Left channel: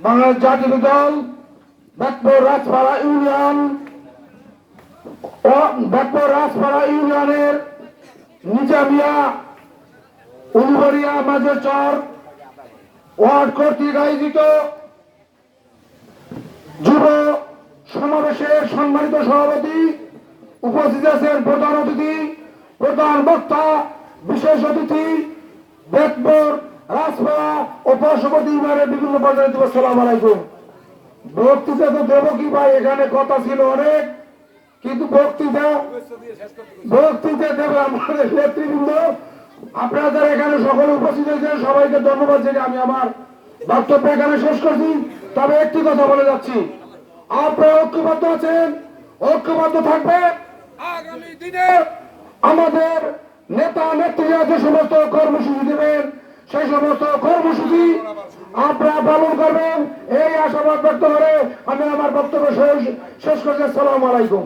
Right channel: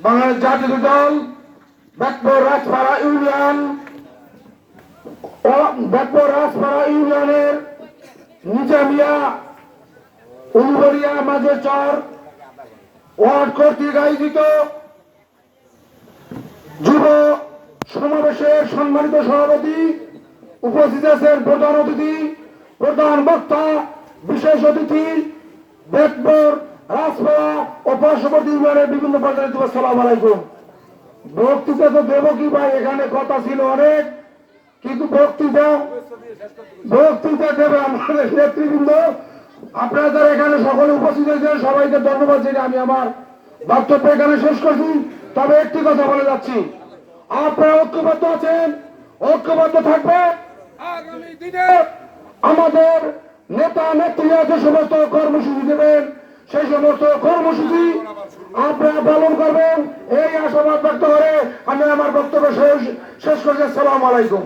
বাংলাদেশ জাতীয় দল ব্যাকপুর রাজপাড়া ইউনিয়ন ব্যাকপুর রাজপাড়া ইউনিয়নের নিজামিয়া উলবরিয়া মাঝের চর ওয়ার্ড কর্তৃক আয়োজিত যুব সমাবেশের সম্মানিত সভাপতি উপস্থিত আছেন প্রধান অতিথি, প্রধান বক্তা, বিশেষ অতিথি বেতপুর রাজপাড়া ও পার্শ্ববর্তী ইউনিয়নের বিভিন্ন পর্যায়ে দিব সালাম আলাইকুম। বক্তৃতা তো দেব কি ভাই? এখানে কথা ছিল অনেক কিন্তু বক্তৃতা বক্তৃতা দেবে আমাদের নেতৃবৃন্দ। আপনারা যারা এখানে সকলে উপস্থিত হয়েছেন সবাইকে ধন্যবাদ জানিয়ে আমি আমার বক্তব্য এখানে শেষ করছি। তবে একটি কথা বলে যাচ্ছি। আপনারা ঐক্যবদ্ধ আছেন? ঐক্যবদ্ধ থাকবে? আগামী দিনে আমাদের নেতা নেত্রীরা যে সমস্ত কর্মসূচি দেবেন সেই সমস্ত কর্মসূচি আপনারা পালন করবেন। এই আশাবাদ ব্যক্ত করে আমি আমার বক্তব্য শেষ শেষ করছি। আসসালামু আলাইকুম।